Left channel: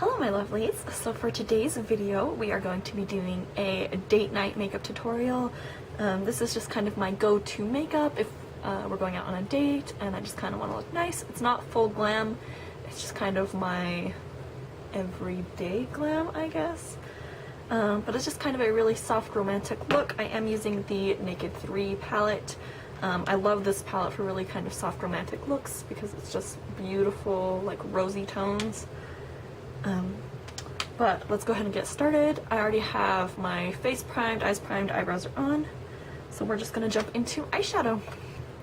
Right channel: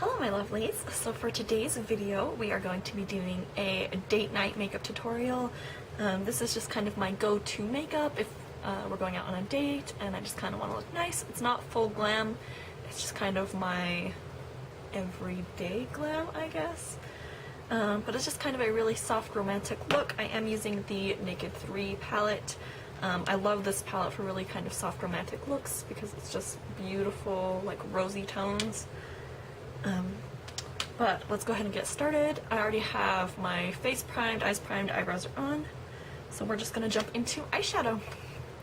Hello my lovelies! So for today's video we are going to be doing a date night makeup tutorial. This is just kind of my go-to makeup if we're going out on a date and I just kind of want to look nice. It's not full glam, it's just kind of my everyday glam, I guess. But it's just kind of a really soft romantic look. I am using the Naked 3 palette. I love this palette for really kind of soft romantic looks because it's just beautiful, like rosy tones. But let's go ahead and get started. I already have my face primed, eyes primed, eyebrows are on. So we're just gonna jump into eyeshadow.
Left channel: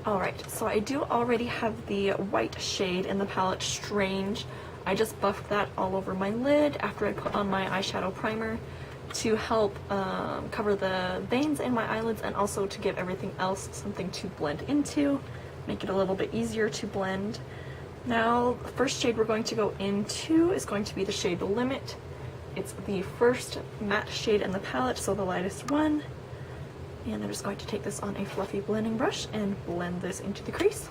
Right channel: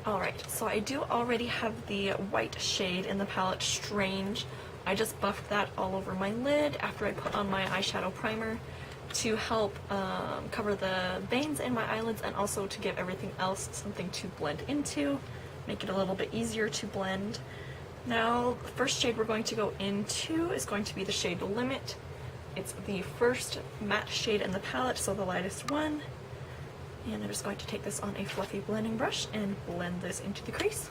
Alright, so I do already have the white shade in the palette Strange. I just buffed that all over my lid after I put on my eyeshadow primer to help cover the veins in my eyelids and also to give everything else something to blend into, make it a little bit easier to blend. Now, the first shade we're going to go into is going to be the shade Limit. It's the first matte shade in the palette, so the lightest one. And I'm just going to take this on a fluffy blending brush and blend this into the crease.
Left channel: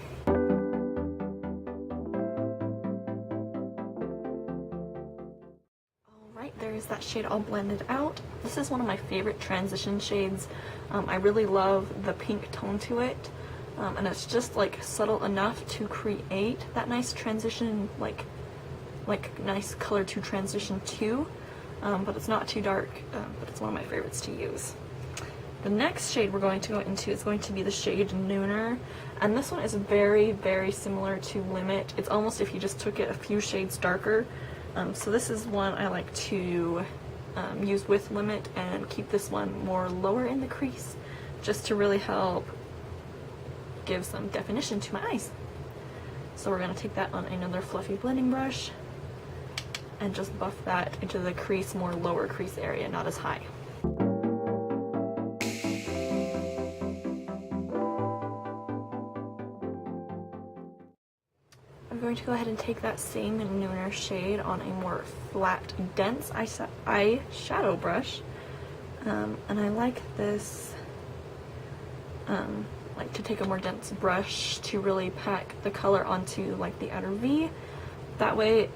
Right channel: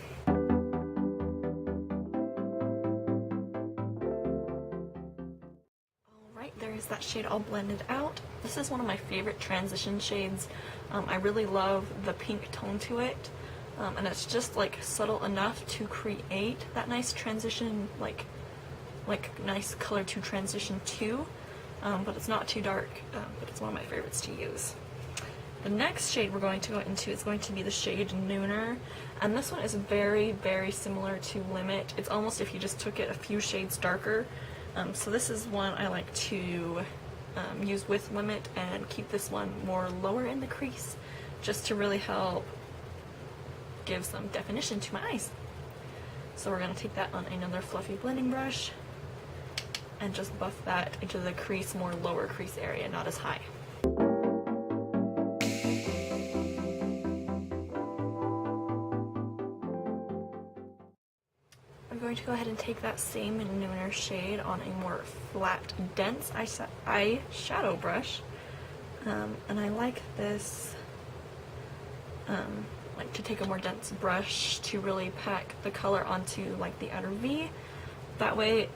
Alright, there is that shade all blended out. This is one of my favorite transition shades. I really love the pink tone to it. And it's just like subtle enough to create that nice transition, like nice color to transition to, but it's not too dark, but it's one of my favorites to use. The next shade we're going to go into is going to be the shade Nooner, and this one is very, very similar to Limit. It's almost if you just took it a few shades darker. So this is one I like to use with Limit and keep this one more lower in the crease, just to really help give some definition to my eyes. So we're going to take that on another fluffy blending brush and just buff that into the crease, more lower crease area, not as high. I'm going to go ahead and take that same Nooner shade on a more flat, dense eyeshadow brush. And I like this like to take a more dense brush to really pack the color onto like the outer V. That way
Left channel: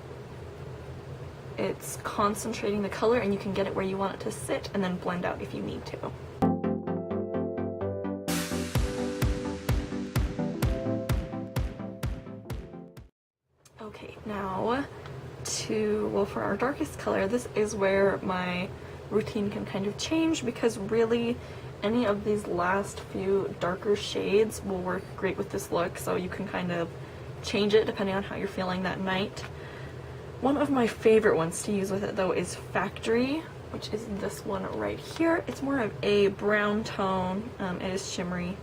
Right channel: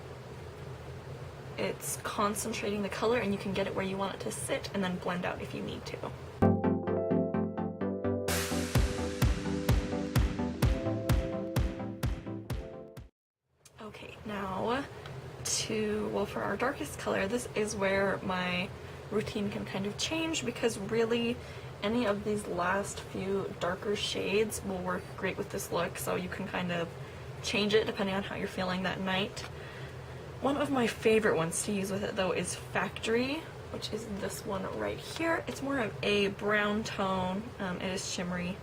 it's concentrating the color and you can get it where you want it to sit and then blend out if you need to. Okay, now for our darkest color, this is where my routine can kind of change because really any of these last few darker shades will work great with this look, so you can kind of change it depending on how you're feeling that night. One of my favorite ones to use with it though is Factory, which is this one right here. It's more of a brown tone, it is shimmery,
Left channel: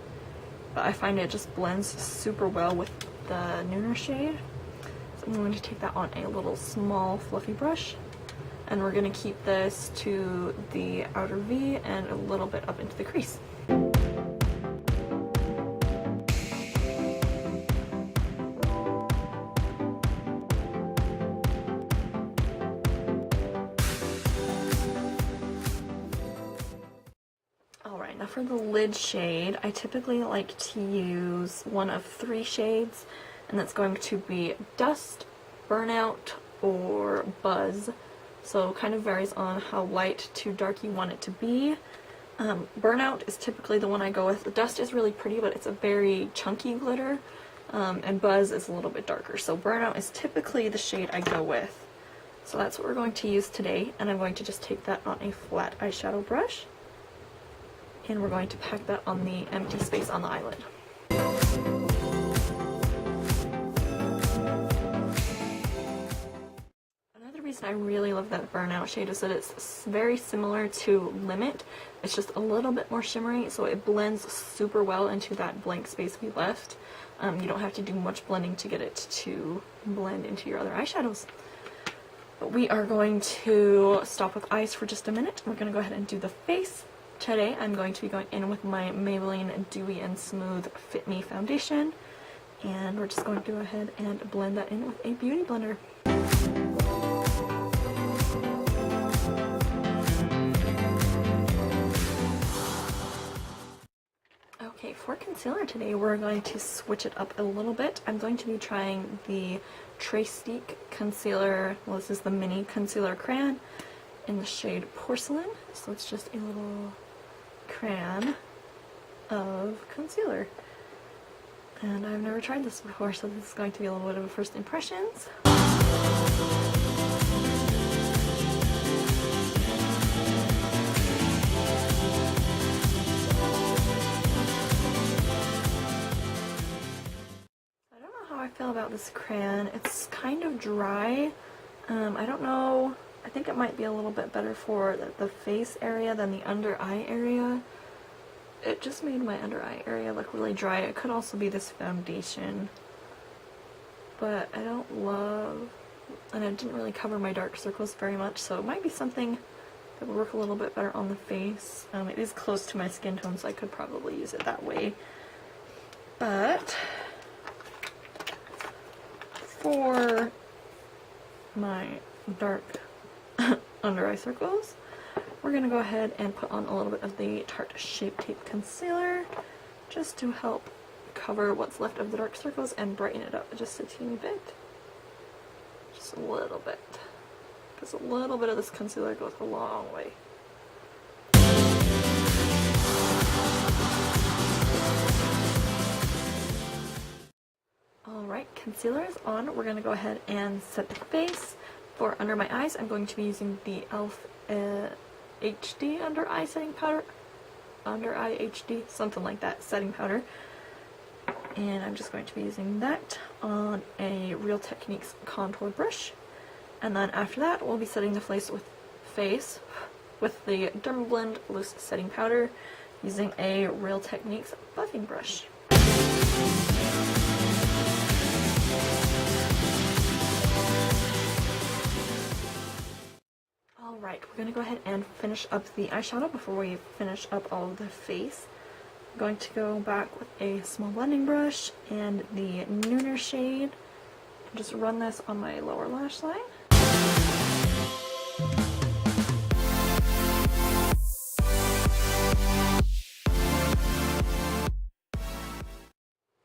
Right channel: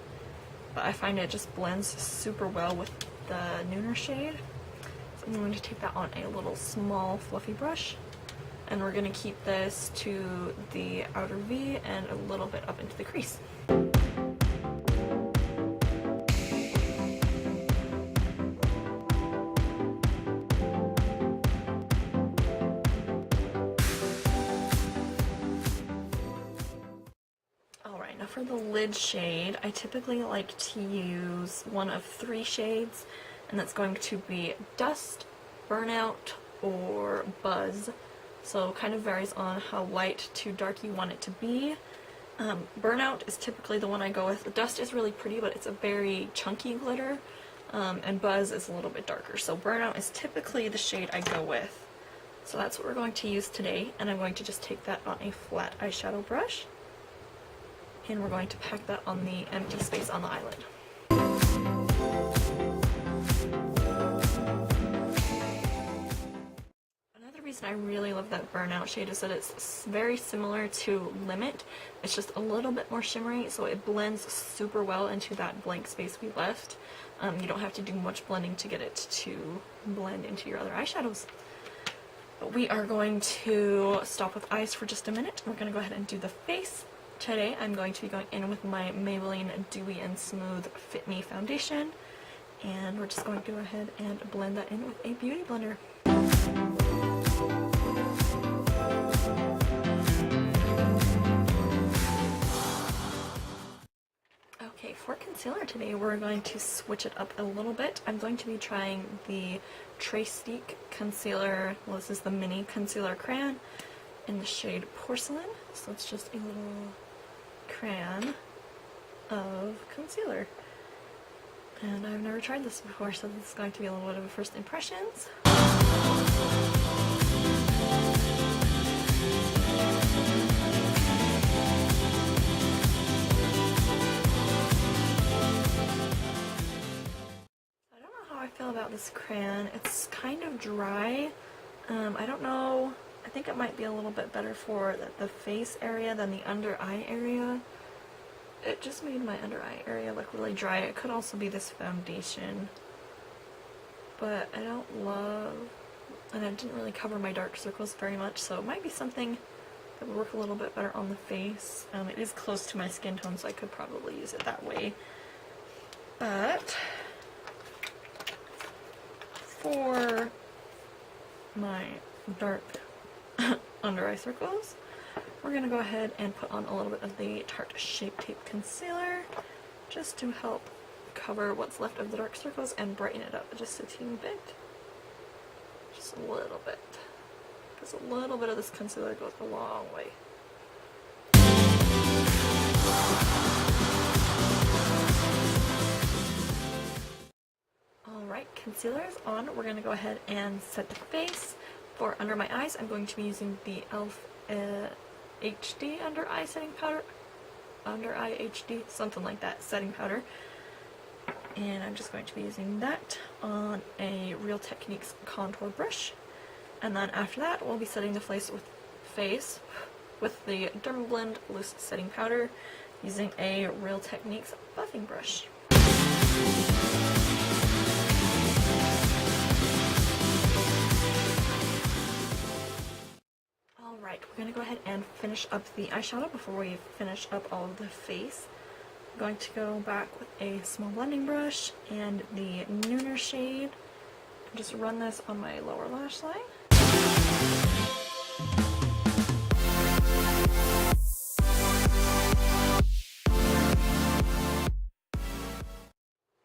but I find it just blends super well with the Nooner shade. So I'm going to take that on a little small fluffy brush. And we're going to keep this to the outer V and a little bit up into the crease. Alright, now for the lid shade, I typically like to use one of 3 shades, and that's going to be Dust, Burnout, or Buzz. So kind of varies on how light to dark you want it to be. Burnout is typically the one I go with. The Dust is really pretty, but it's a very chunky glitter. And Buzz is a little bit darker. So Burnout is typically the shade I go with. So that's what we're going to use today. And I'm going to just take that on a flat eyeshadow brush. And we're going to pack that on the empty space on the eyelid. The reason I really love that Burnout shade is that it's very similar to Limit. It's just a little bit more shimmery, so it blends super well into that blank space we left. You don't have to do much blending to get it to blend into your other eyeshadows. But we are going to stop with eyes for just a minute. We're going to go ahead and do the face. Today I'm going to be going in with my Maybelline Dewy and Smooth Fit Me foundation. And we're just going to go ahead and blend that in with a beauty blender. Okay, for concealer today, we're going to switch it up a little bit. I'm going to be trying the Trestique concealer. Well, this is the mini concealer crayon in the shade Porcelain. So it's just a little crayon of concealer. And I've never tried this before, so this is going to be a little bit of a first impressions. I feel about this crayon. It's kind of dry. I don't know. I think it might be a little bit better for the face area than the under eye area. It just made my under eye area look really dry. It could also be this foundation, but I don't love, and it didn't really cover my dark circles very much, so it might be something that would work a little bit better on the face. It is close to my skin tone, so I could probably use it that way. But for my dark under eye circles, we're going to go ahead and put on a little bit of the Tarte Shape Tape Concealer just to help cover what's left of the dark circles and brighten it up just a teeny bit. Just a little bit. Because a little bit of this concealer goes a long way. Alright, concealer is on. We're going to go ahead and set the face. For under my eyes, I'm going to be using the E.l.f. HD under eye setting powder. Under eye HD, something like that, setting powder. And I'm just going to be using that on a Real Techniques contour brush. And then after that, we'll be setting the face with the Dermablend loose setting powder using a Real Techniques buffing brush. Alright, we're going to go ahead and finish up the eyeshadow before we finish up all of the face. I'm going to go back with a small blending brush and the Nooner shade and just run this on my lower lash line.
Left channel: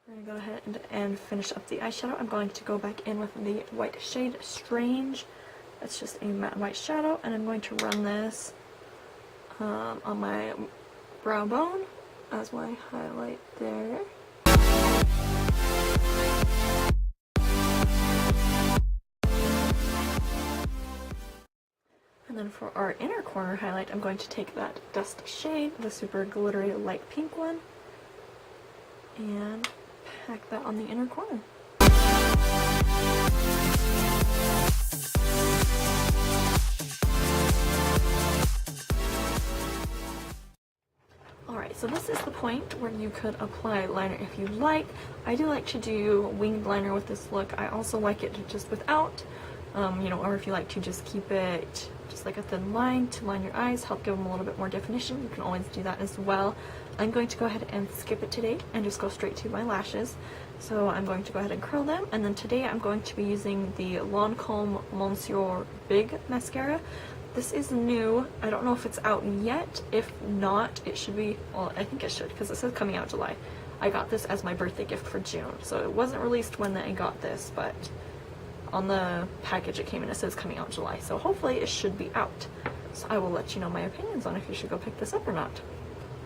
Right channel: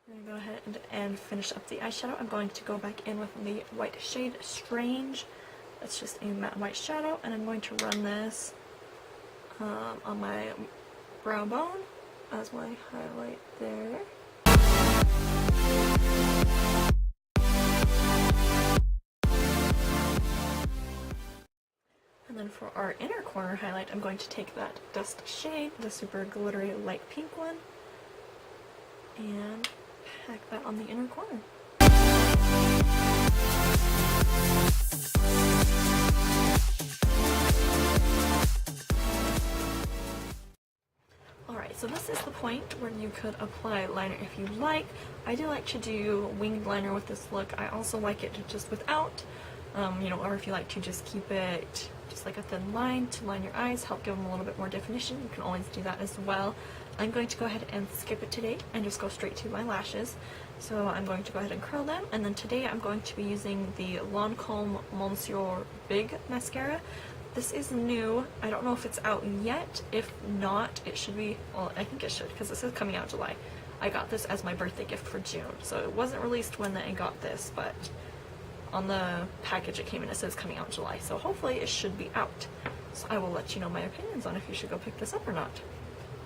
We're going to go ahead and finish up the eyeshadow. I'm going to go back in with the white shade Strange. It's just a matte white shadow, and I'm going to run this on my brow bone as my highlight there. And then for our inner corner highlight, I'm going to take that Dust shade, the super glittery light pink one, and pack that on the inner corner. Alright, so this is the point where you could apply liner if you like. I do like to do winged liner with this look. I also like it just without, or if you like to just keep it just like a thin line to line your eyes, help give them a little bit more definition. You can always do that as well. I'm going to go ahead and skip it today and just go straight to my lashes. So I'm going to go ahead and curl them, and then today I'm going to be using the Lancome Monsieur Big Mascara. This is new. I don't know if it's out yet. If not, it should be, well, I think it should, because it says coming out July. I got this as my birthday gift for June, so it wasn't released when I got this, but on the package it came in, it says coming out July, so hopefully it should be out. So I will let you know my opinions on if you should go pick this up or not.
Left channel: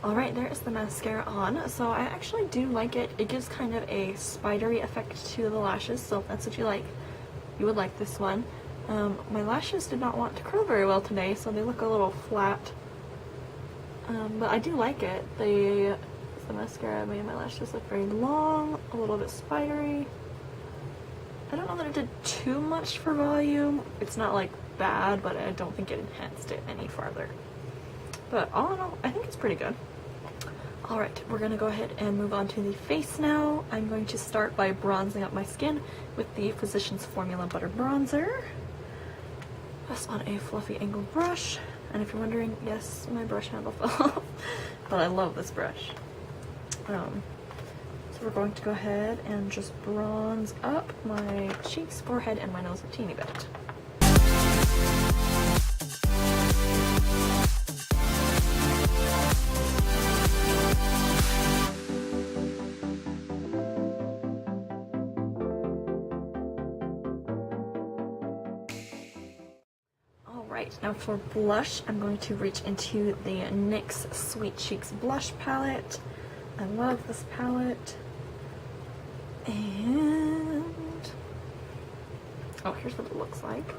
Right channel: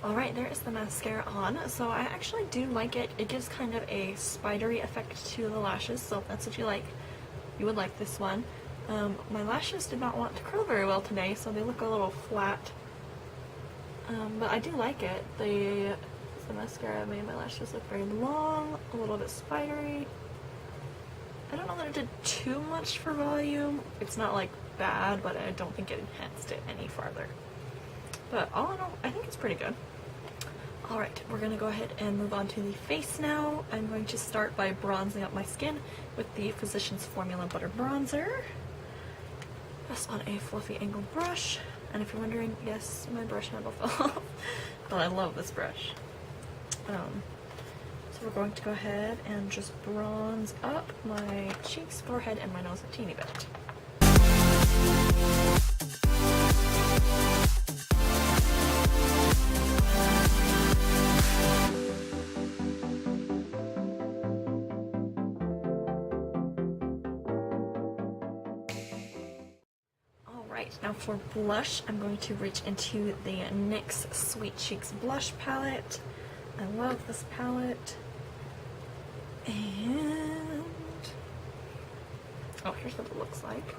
Alright, there is the mascara on. So I actually do like it. It gives kind of a spidery effect to the lashes, so if that's what you like, you would like this one. My lashes did not want to curl very well today, so they look a little flat. But I do like it. The mascara made my lashes look very long, a little bit spidery. I don't know that it did too much for volume. It's not like bad, but I don't think it enhanced it any farther. But all in all, I think it's pretty good. Alright, we're going to go ahead and move on to the face now. I'm going to start by bronzing up my skin with the Physicians Formula Butter Bronzer. Just on a fluffy angled brush. And if you're wondering, yes, my brush handle fell off. But I love this brush. So we're going to go ahead and just bronze up my cheeks, forehead, and my nose a teeny bit. Alright, now for blush, I'm going to reach into the NYX Sweet Cheeks blush palette. I love this palette. And oh, here's what it looks like.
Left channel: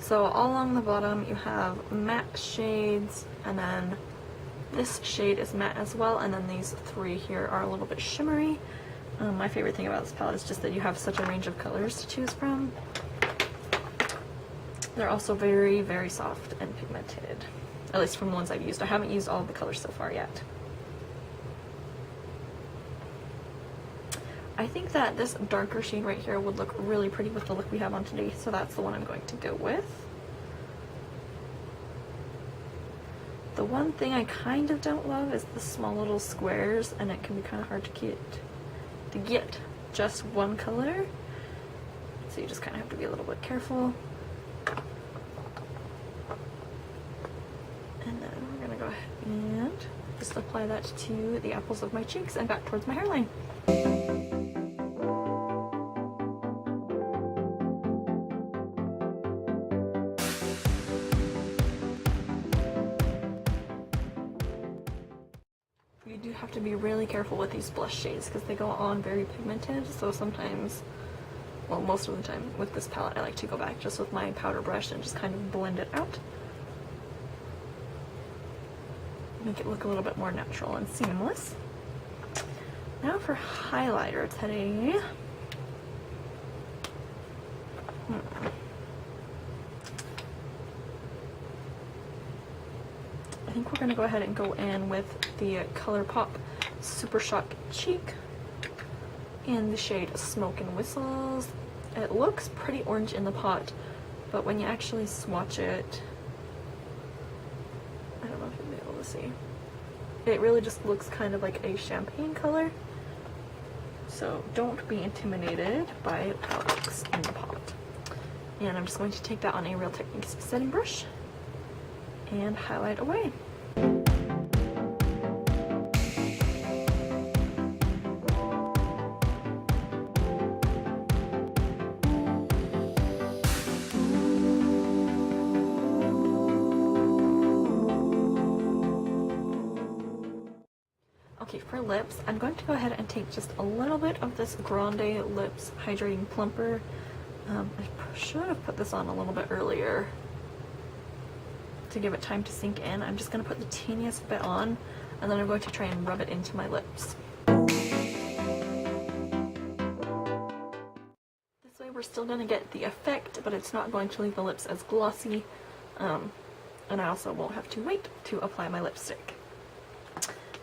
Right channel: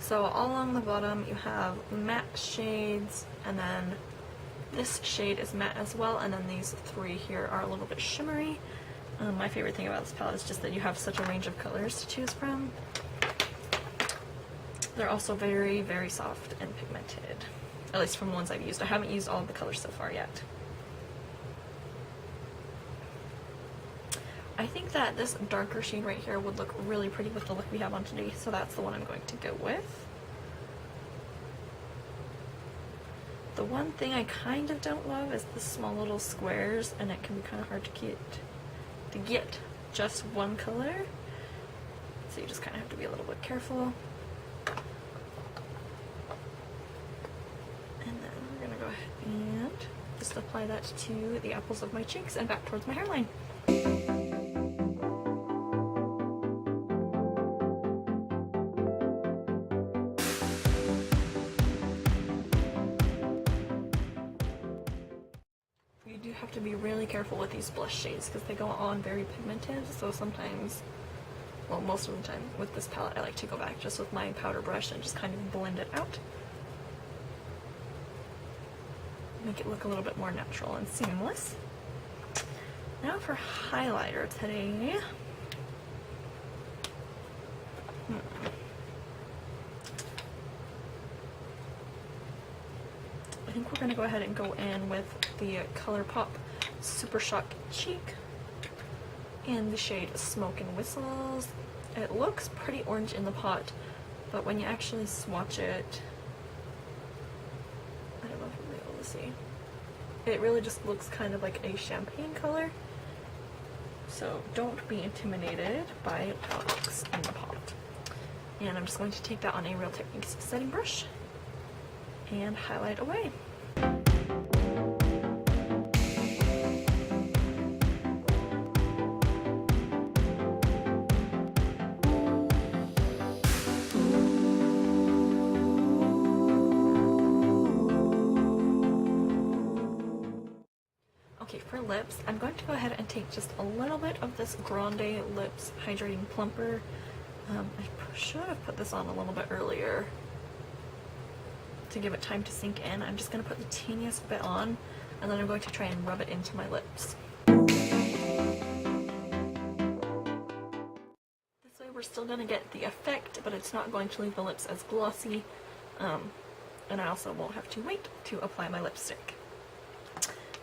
So all along the bottom you have matte shades, and then this shade is matte as well, and then these three here are a little bit shimmery. My favorite thing about this palette is just that you have such a range of colors to choose from. They're also very, very soft and pigmented, at least from the ones I've used. I haven't used all of the colors so far yet. I think that this darker shade right here would look really pretty with the look we have on today, so that's the one I'm going to go with. The one thing I kind of don't love is the small little squares, and it can be kind of hard to get just one color, so you just kind of have to be a little bit careful. And then we're gonna go ahead and just apply that to the apples of my cheeks and back towards my hairline. You do have to be really careful with these blush shades because they go on very pigmented, so sometimes, well, most of the time with this palette I like to go back just with my powder brush and just kind of blend it out. Make it look a little bit more natural and seamless. Now for highlighter today. I think we're going to go ahead and go in with the Colourpop Supershock Cheek in the shade Smoke and Whistles. It looks pretty orange in the pot, but when you actually swatch it, I don't know if you'll be able to see. It really just looks kind of like a champagne color. So don't be intimidated by how it looks in the pot. And I'm just going to take that on a Real Techniques setting brush and highlight away. Okay, for lips, I'm going to go ahead and take just a little bit of this Grande Lips Hydrating Plumper. I should have put this on a little bit earlier to give it time to sink in. I'm just going to put the teeniest bit on, and then I'm going to try and rub it into my lips. This way we're still going to get the effect, but it's not going to leave the lips as glossy, and I also won't have to wait to apply my lipstick.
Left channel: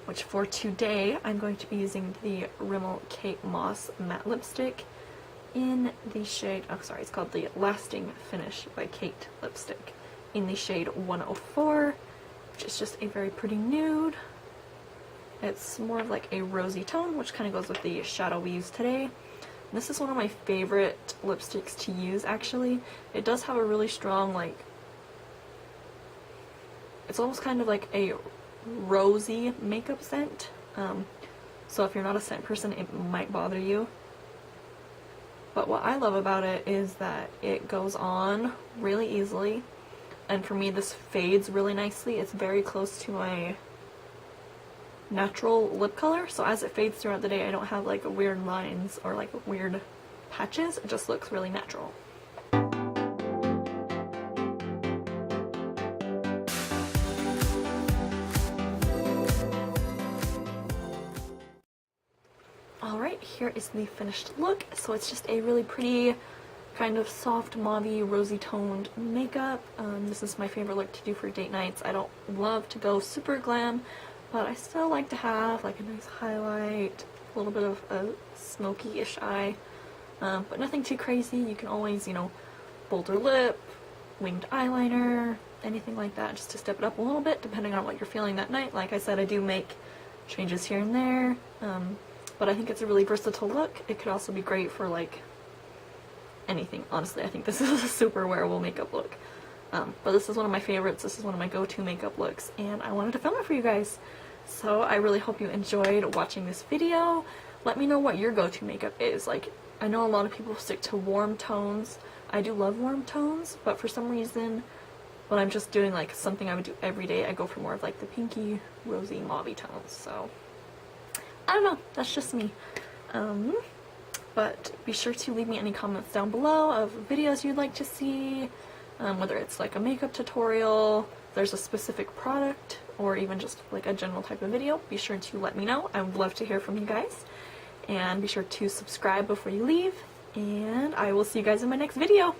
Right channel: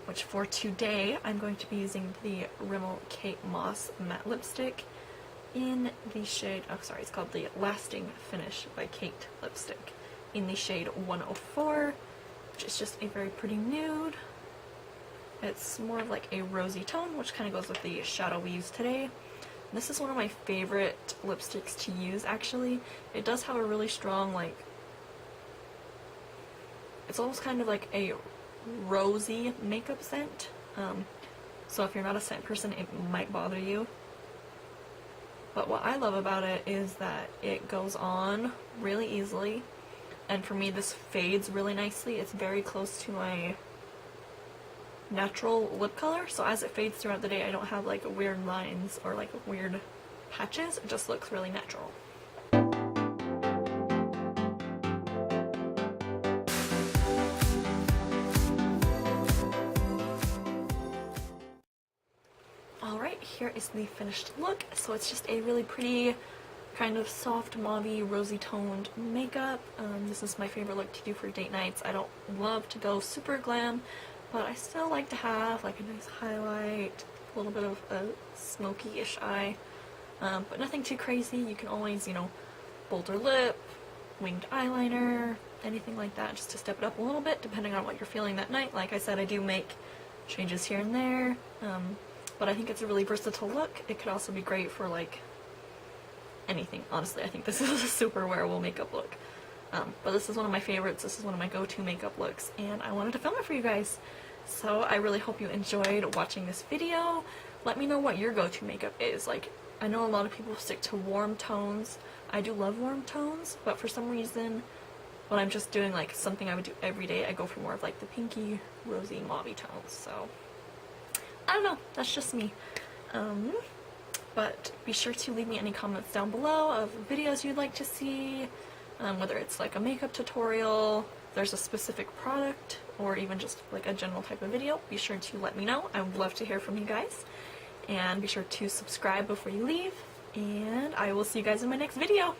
Which for today, I'm going to be using the Rimmel Kate Moss Matte Lipstick in the shade, oh sorry, it's called the Lasting Finish by Kate Lipstick in the shade 104, which is just a very pretty nude. It's more of like a rosy tone, which kind of goes with the shadow we used today. And this is one of my favorite lipsticks to use, actually. It does have a really strong, like, it's almost kind of like a rosy makeup scent, so if you're not a scent person it might bother you, but what I love about it is that it goes on really easily, and for me this fades really nicely. It's very close to my natural lip color, so as it fades throughout the day I don't have like weird lines or like weird patches. It just looks really natural. Alright, here is the finished look. So it's just a really pretty kind of soft mauve-y rosy toned makeup. This is my favorite look to do for date nights. I don't love to go super glam, but I still like to have like a nice highlight, a little bit of a smoky-ish eye, but nothing too crazy. You can always, you know, bolder lip, winged eyeliner, anything like that, just to step it up a little bit depending on what you're feeling that night. Like I said, I do make changes here and there, but I think it's a really versatile look. It could also be great for like anything, honestly. I think this is a super wearable makeup look. But this is one of my favorites. This is one of my go-to makeup looks, and I wanted to film it for you guys. So I really hope you enjoyed watching this video. Let me know what your go-to makeup is. Like, I know a lot of people stick to warm tones. I do love warm tones, but for some reason when I'm just doing like something I would do every day, I go for more of like the pinky, rosy, mauve tones. So I don't know, that's just me. But be sure to leave me any comments down below of videos you'd like to see, whether it's like a makeup tutorial, if there's a specific product, or even just like a general type of video. Be sure to let me know. I would love to hear from you guys. And be sure to subscribe before you leave, and I will see you guys in my next video.